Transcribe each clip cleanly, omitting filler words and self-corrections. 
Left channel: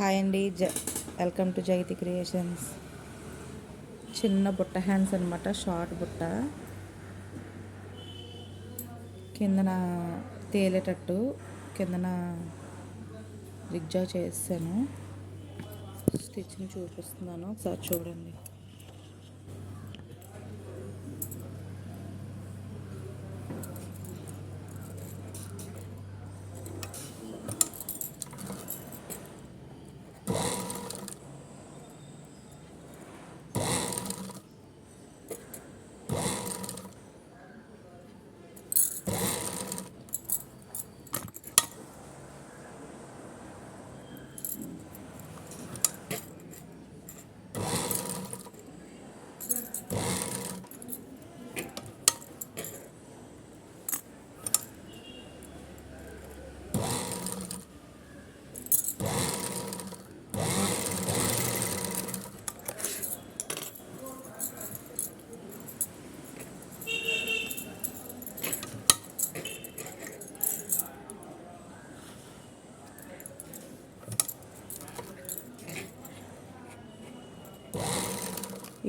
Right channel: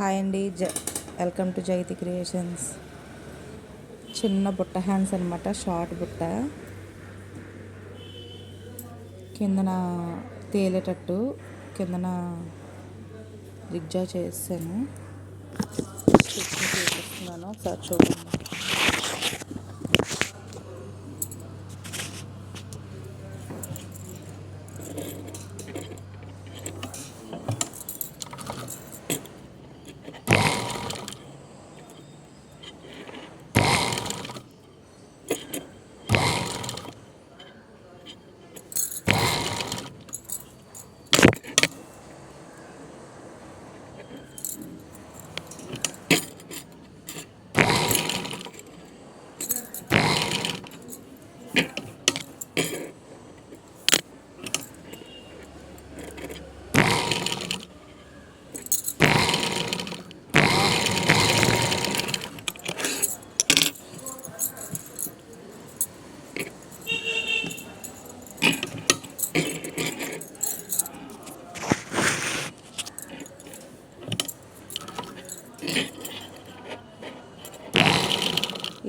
Hi అండి, welcome to Jaithi creations. చిన్న బుట్ట హ్యాండ్స్ అనమాట, షార్ట్ బుట్ట కిందన తేలేటట్టు కిందన జిగ్జాగ్ చేసాను. స్టిచ్చింగ్ చూపిస్తున్నాను, ఒకసారి చూడండి.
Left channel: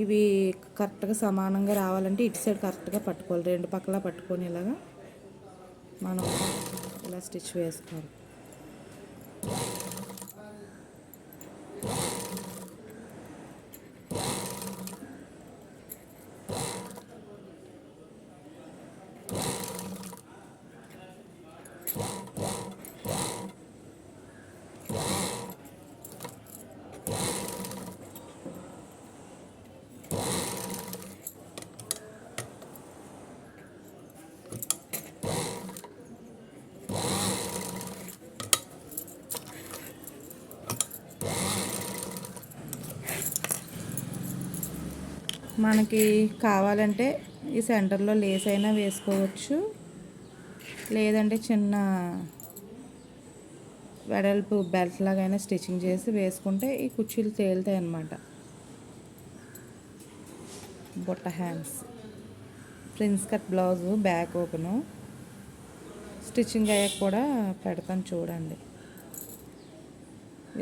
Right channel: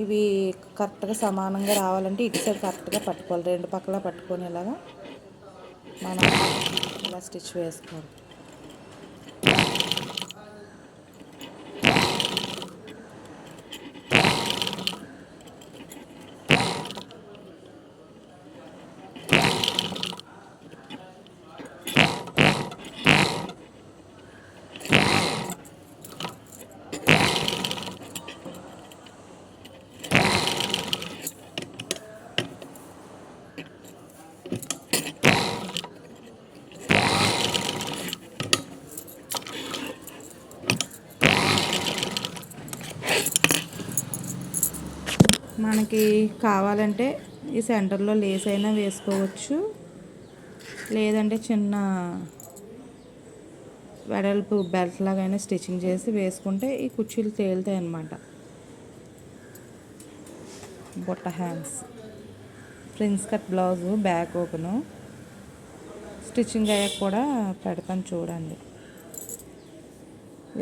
ఇవి కరెక్ట్గా సమానంగా రావాలంటే ఇటు సైడ్ కరెక్ట్గా పట్టుకోవాలి, రెండు పక్కల పట్టుకొని ఇలాగా మనం ఇలా స్టిచ్ వేసుకోవాలి. మనకి కావాలంటే ఈ సెంటర్లో లేస్ అయినా వేసుకోవచ్చు, లేదంటే చిన్న వెడల్పు బెల్ట్ లాగైనా స్టిచ్చింగ్ చేసి వేసుకుంటే ఈ కుర్చీలు తేలుతాయి అన్నమాట. బుట్ట hands, prince cut blouse, back open, stitching అయ్యాక కూడా పెడతాను చూడండి.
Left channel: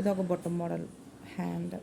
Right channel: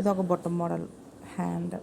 ఇది ఒక బుట్ట మోడల్ హ్యాండ్.